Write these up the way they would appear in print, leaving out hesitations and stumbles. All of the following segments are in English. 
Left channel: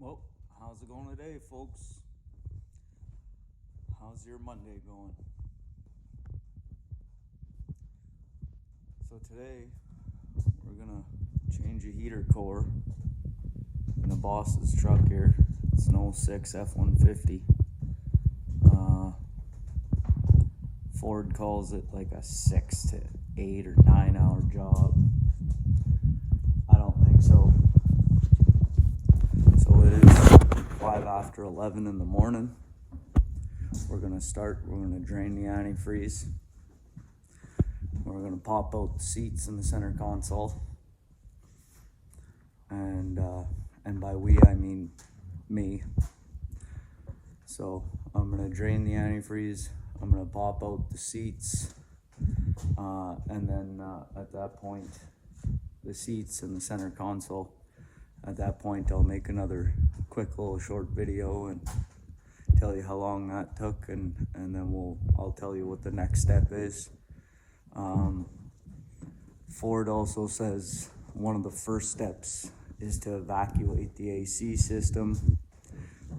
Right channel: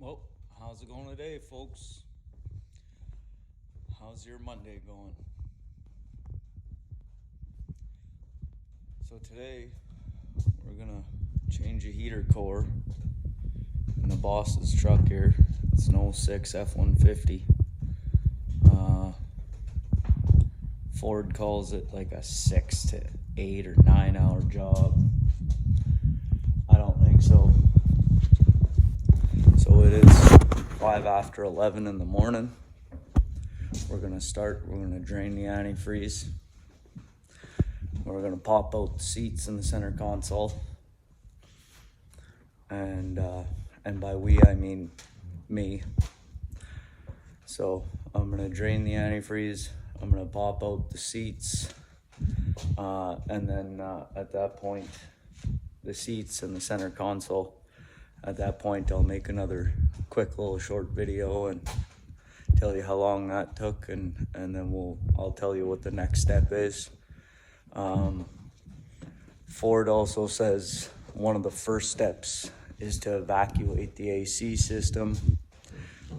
Well, how's it going today, folks? How's your Monday going? So today, we're gonna change a heater core in the boss's truck here. It's an 06 F-150. Ford calls it like a 6 to 8 or 9 hour job. I don't think so. So it is 5 after 11 in the morning. We're gonna drain the antifreeze. We're gonna pop out the seats in the center console. And by we, I mean me. So I'm gonna drain the antifreeze. I'm gonna pop out the seats. And then at that point, the seats and the center console, at that point I'll make another quick little short video and tell you how long that took, and then I'll tell you what the next step is. Ford also says one of the first steps is to evacuate the AC system.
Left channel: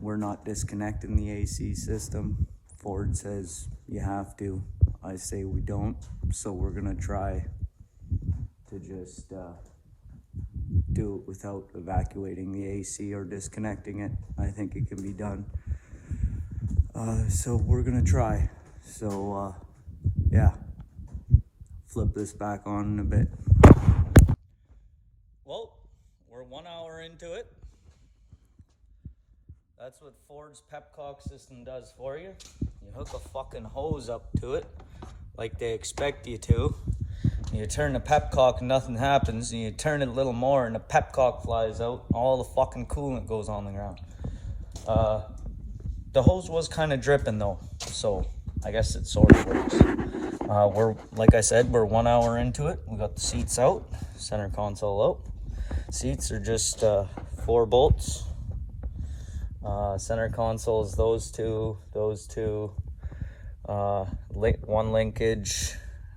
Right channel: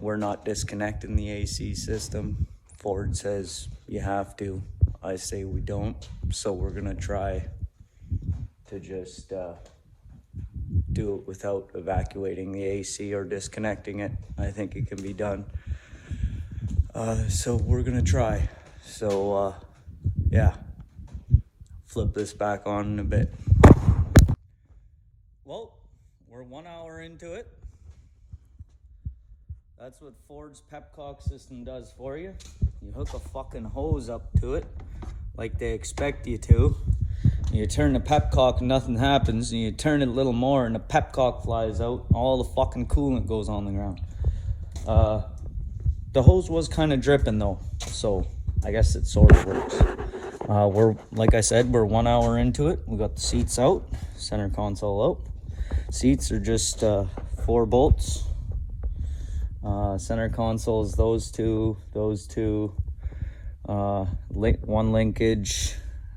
We're not disconnecting the AC system. Ford says you have to. I say we don't. So we're gonna try to just do it without evacuating the AC or disconnecting it. I think it can be done. So we're gonna try. So yeah, flip this back on in a bit. Well, we're 1 hour into it. That's what Ford's Pepcock system does for you. You hook a fucking hose up to it like they expect you to. You turn the pepcock and nothing happens, and you turn it a little more and the pepcock flies out. All the fucking coolant goes on the ground. The hose was kind of dripping though, so I guess it sort of works. Like I said, we're 1 hour into it. We got the seats out, center console out. Seats are just 4 bolts. Center console is those two, one linkage,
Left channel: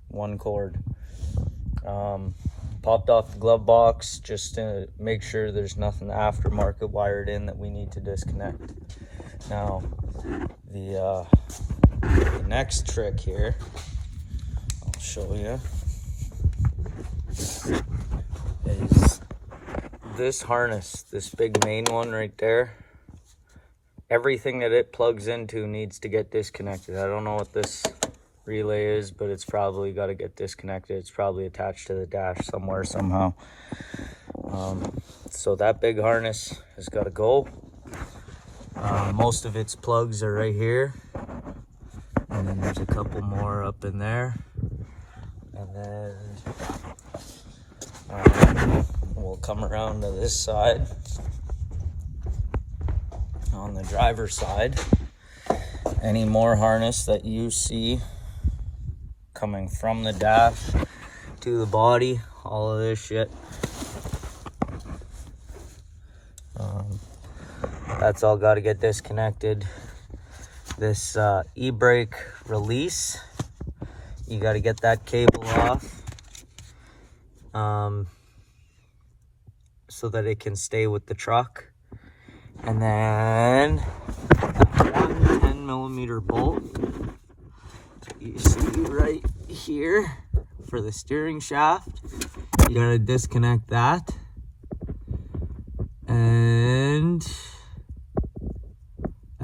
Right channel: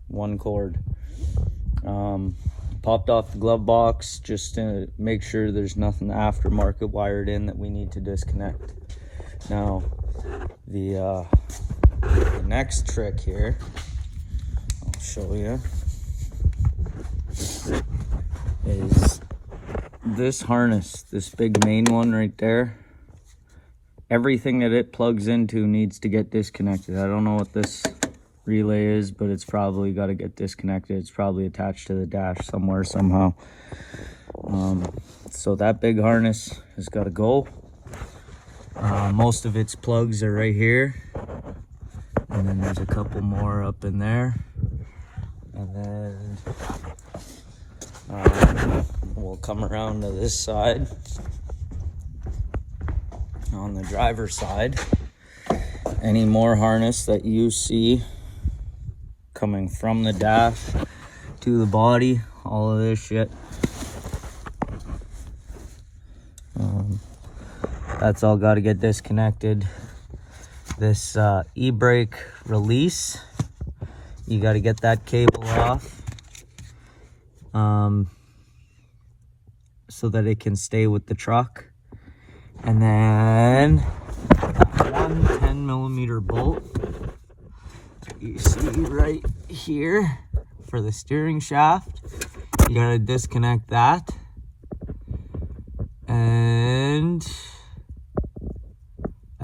one cord. Popped off the glove box just to make sure there's nothing aftermarket wired in that we need to disconnect. Now, the next trick here, I'll show you, is this harness, this big main one right there. Everything that it plugs into needs to get disconnected. I don't know what this relay is, but it's probably got to get disconnected. It's probably attached to the dash somewhere, somehow. So that big harness has got to go. Most of its plugs are right here, and then there's a couple more up in there, and then we'll come around to this side. On the driver's side, any more harness that you see coming from the dash to the body, all of this shit, that's all got to get disconnected. This e-brake release, you got to get that cable off so that it can stay with the truck. And then one 10mm bolt you see right here for the steering shaft. You gotta disconnect that, and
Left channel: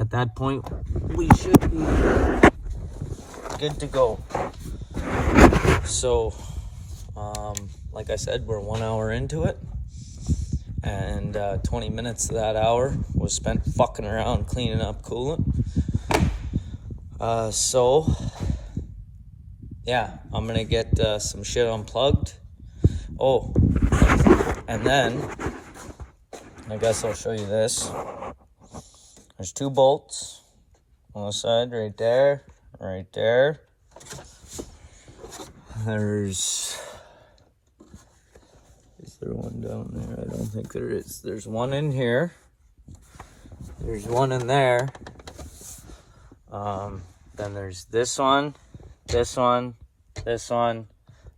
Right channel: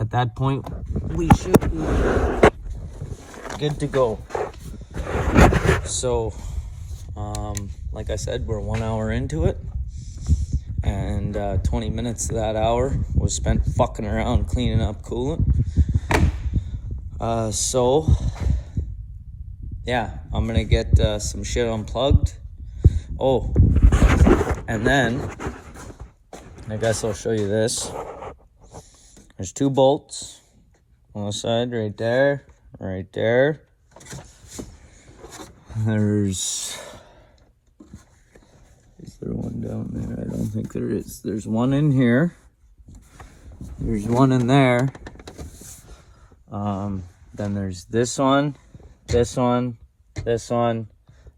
at that point we should be good to go. So like I said, we're 1 hour into it, and 20 minutes of that hour was spent fucking around cleaning up coolant. So yeah, I'm gonna get some shit unplugged. Oh, and then I guess I'll show you this. There's 2 bolts on the side, right there, right there. Is there one down there? I don't think there is. There's one in here. There's one in there. Then there's this one, this one, this one,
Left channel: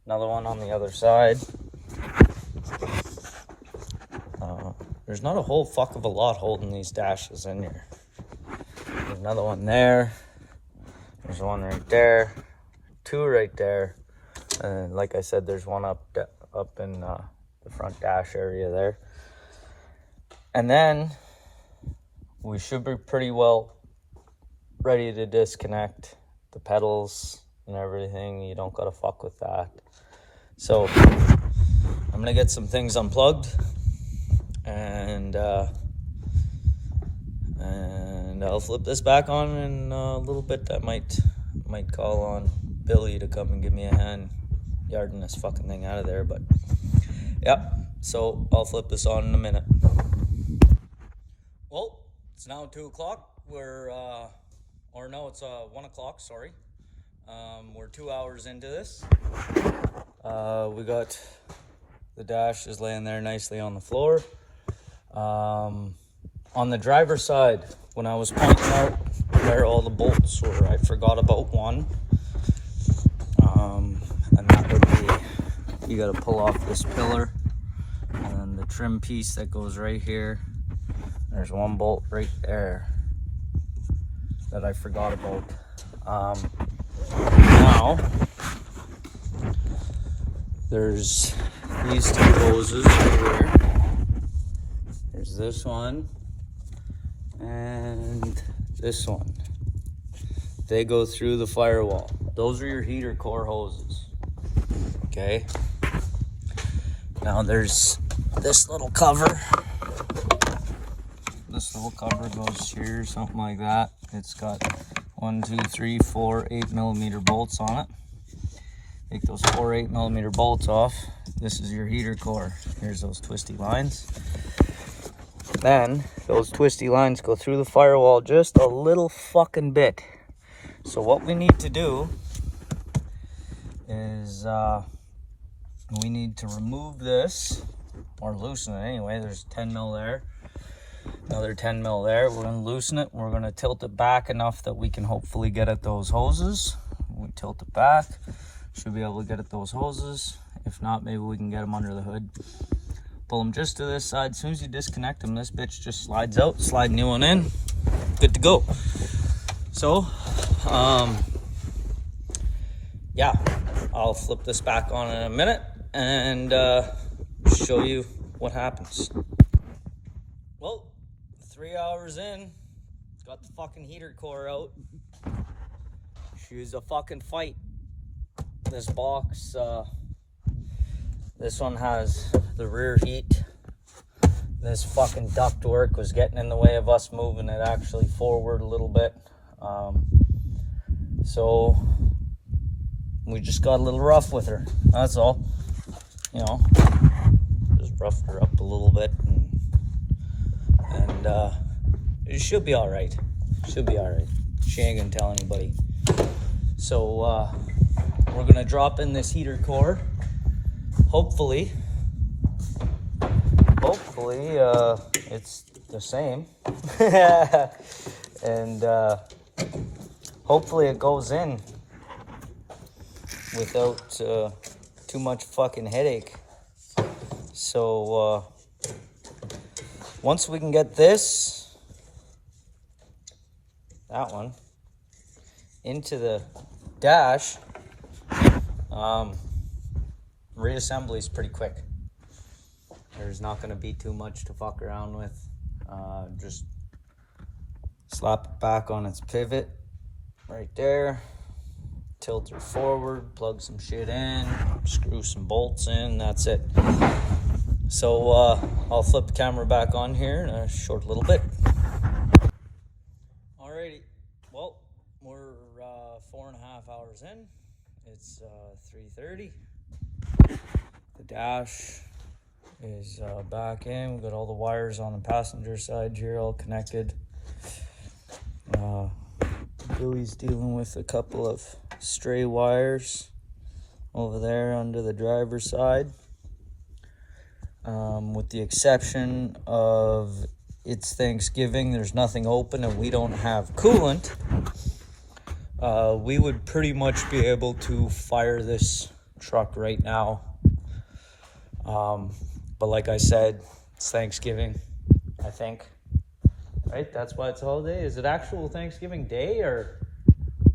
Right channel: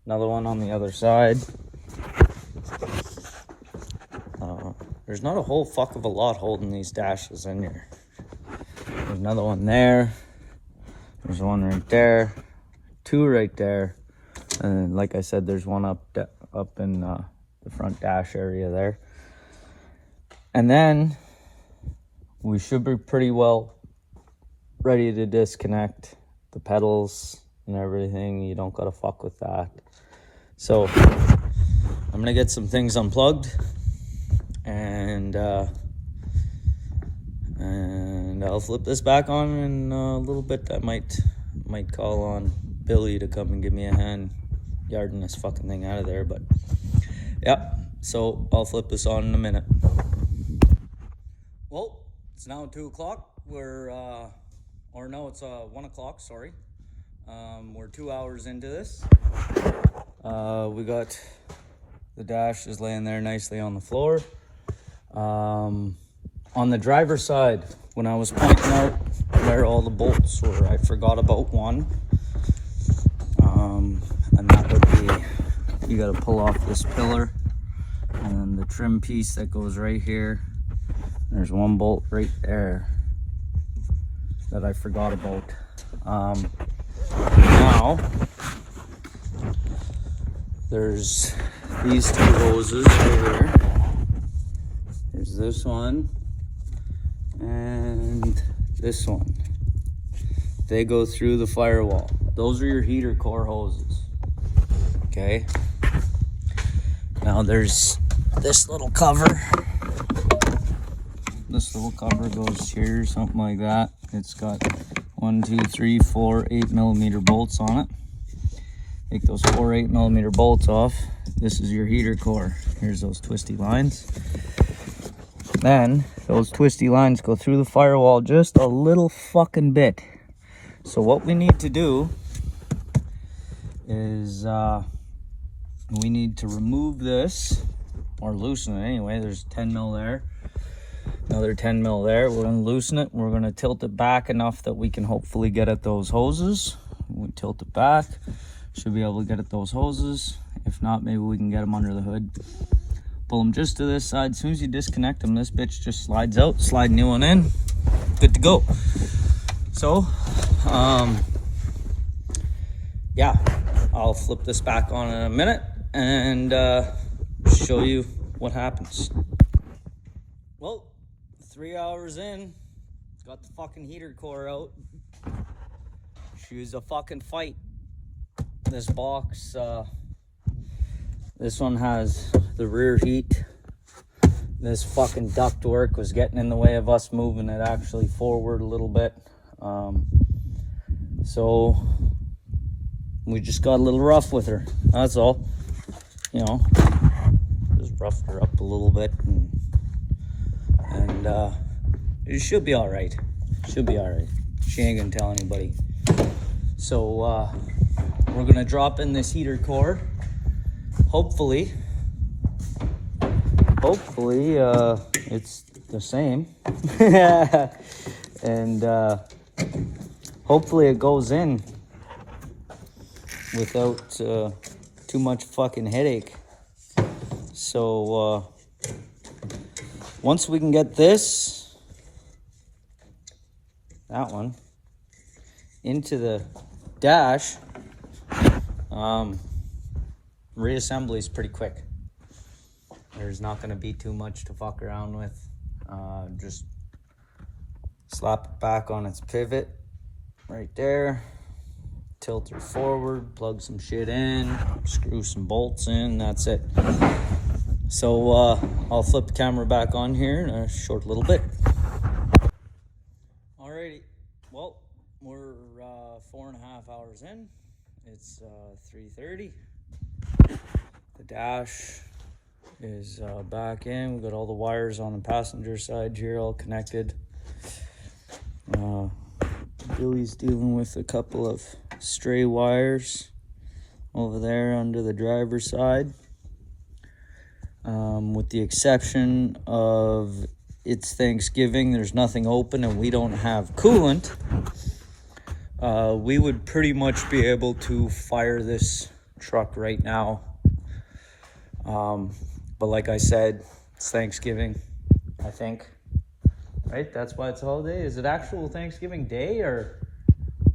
another one on the other side. there's not a whole fuck of a lot holding these dashes in here. There's another one there. There's one right there. Two right there. And like I said, there's one up in the front dash area there. And then we should be pretty well ready to disconnect the pedals and everything. You don't gotta fuck with that. So I'm gonna get some things unplugged, and I'll flip this back on in a little bit. I might call on Billy to come and give me a hand yarding this fucking thing out of there, but yeah, so I'll flip this on in a minute. Well, it's now 2 o'clock. It's 1 o'clock, sorry. We're 2 hours into this. We got the dash is laying there nicely on the floor. On the driver's side, when I was pointing out where all the bolts were, I forgot about one. And that would be, you gotta pull off this pillar and then the trim piece that goes right here. There's one bolt right there that I forgot about. Now, there's these two hoses right here. There's this one and this one. They go through the firewall. Those are your heater core hoses. Okay. Now there's this little cover. This little cover goes here, something like that. It's got 1, 2, 3, 4, 8mm bolts on it. Take those 4 8mm bolts off. This is your heater core. Here's those twisty lines. Then those twisty lines go through the firewall just a little fucking bit. So what we need to do is we need to remove this, or loosen it anyway. There's 10mm there, another 10mm there. We're gonna loosen it. We're gonna tilt it back enough that we can hopefully get at those hoses. We tilt it back, should be able to get at those hoses. If not, maybe we can get them under the hood. Pull them just to this side. As soon as you disconnect them, this bitch just slides out. Slide new one in, good to go. So yeah, I'll flip this back on in a minute and show you what happens. Well, 3 hours in, got the fucking heater core out. She was a fucking fight. This box, this one has the rear heat. This fucking ductwork was getting in the way of us moving it actually forward a little bit. So we just got a little rough with her, that's all. You know, just roughed her up a little bit, and she'll be all right. She'll be all right. She ain't gonna tell anybody. So we're gonna drop in this heater core. Hopefully it's the same. And hopefully it goes in without too much fucking headache. So once we can get this, that one, into the dash, reassembly is pretty quick. There's not going to be too much to fuck around with. Just slap it back on its pivot right there, tilt her forward, plug some shit in, screw some bolts in, that's it. So I'll flip the camera back on here in a short little bit. Alrighty, well, we're 4.5 hours in. It's 3:30. The dash is back in. We got all the wires on the passenger side here all connected. Billy's dealing with a couple of stray wires over there under the driver's side. With the exception of it's Thanksgiving, there's nothing open and we don't have coolant. We would pretty much be able to fire this truck right now. But like I said, it's Thanksgiving. I think. Right? That's why it's a holiday. Is it actual Thanksgiving Day,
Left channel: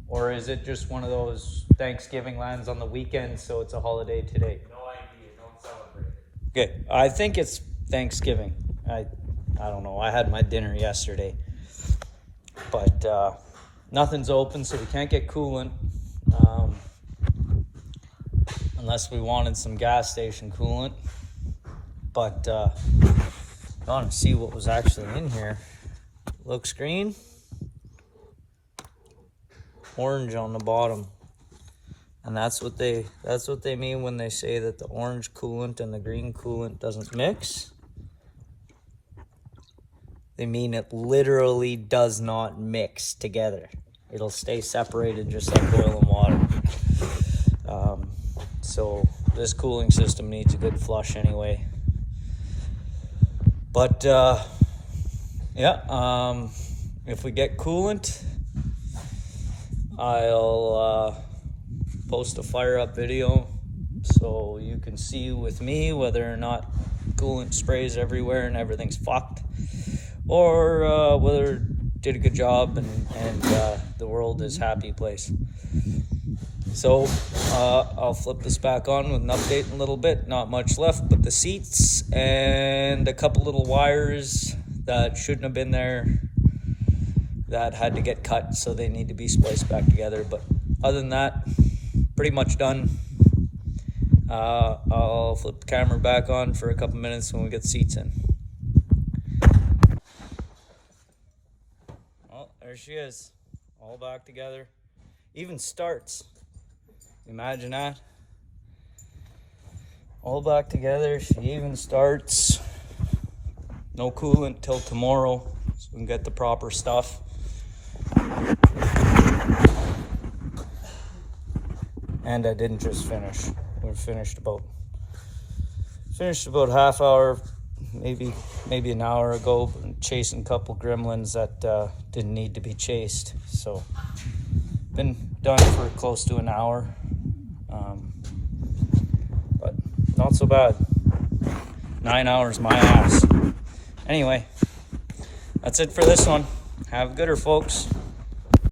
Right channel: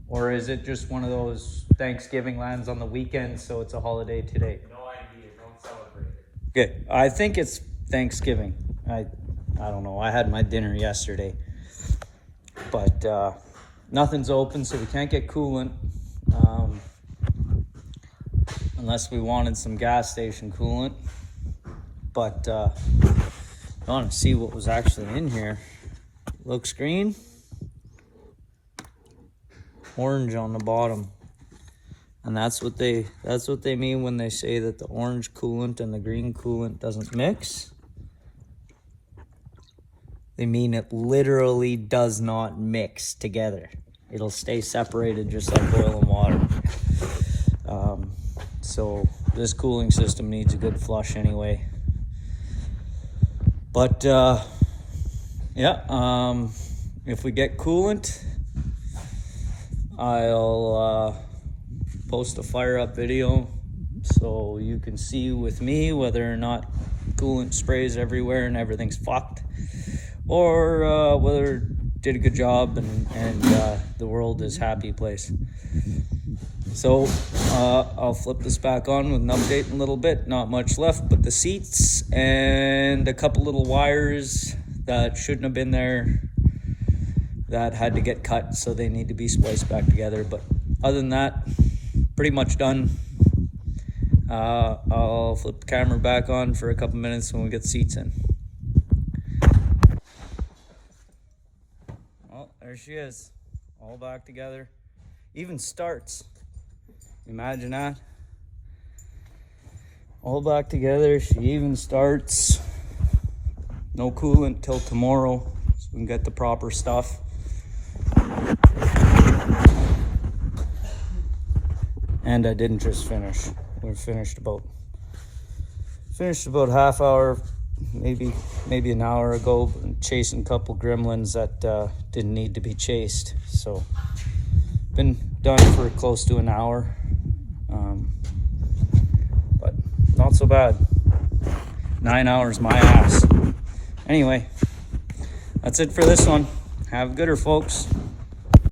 or is it just one of those Thanksgiving lands on the weekend, so it's a holiday today? No idea. Don't celebrate it. Good. I think it's Thanksgiving. I don't know. I had my dinner yesterday, but nothing's open, so we can't get coolant. Unless we wanted some gas station coolant. But I want to see what was actually in here. Looks green. Orange on the bottom. And that's what they mean when they say that the orange coolant and the green coolant doesn't mix. They mean it literally does not mix together. It'll stay separated just like oil and water. So this cooling system needs a good flush anyway. But yeah, if we get coolant, I'll post a fire up video so you can see with me whether or not coolant sprays everywhere and everything's fucked, or whether it did a good job and the world is happy place. So I'll flip this back on with an update in a little bit. Not much left but the seats and a couple little wires that shouldn't have been there that had to get cut, so they need to be spliced back together. But other than that, pretty much done. I'll flip the camera back on for a couple minutes when we get the seats in. Well, there she is, all back together. Even starts. Imagine that. All back together. She even starts. No coolant till tomorrow, so we can get the proper stuff. And I didn't just finish. We finished about half hour, maybe an hour ago, chasing a couple gremlins that didn't need to be chased. So been done for close to an hour, but not so bad. 9 hours my ass. Anyway, that's it for this one. Have a gooder, folks.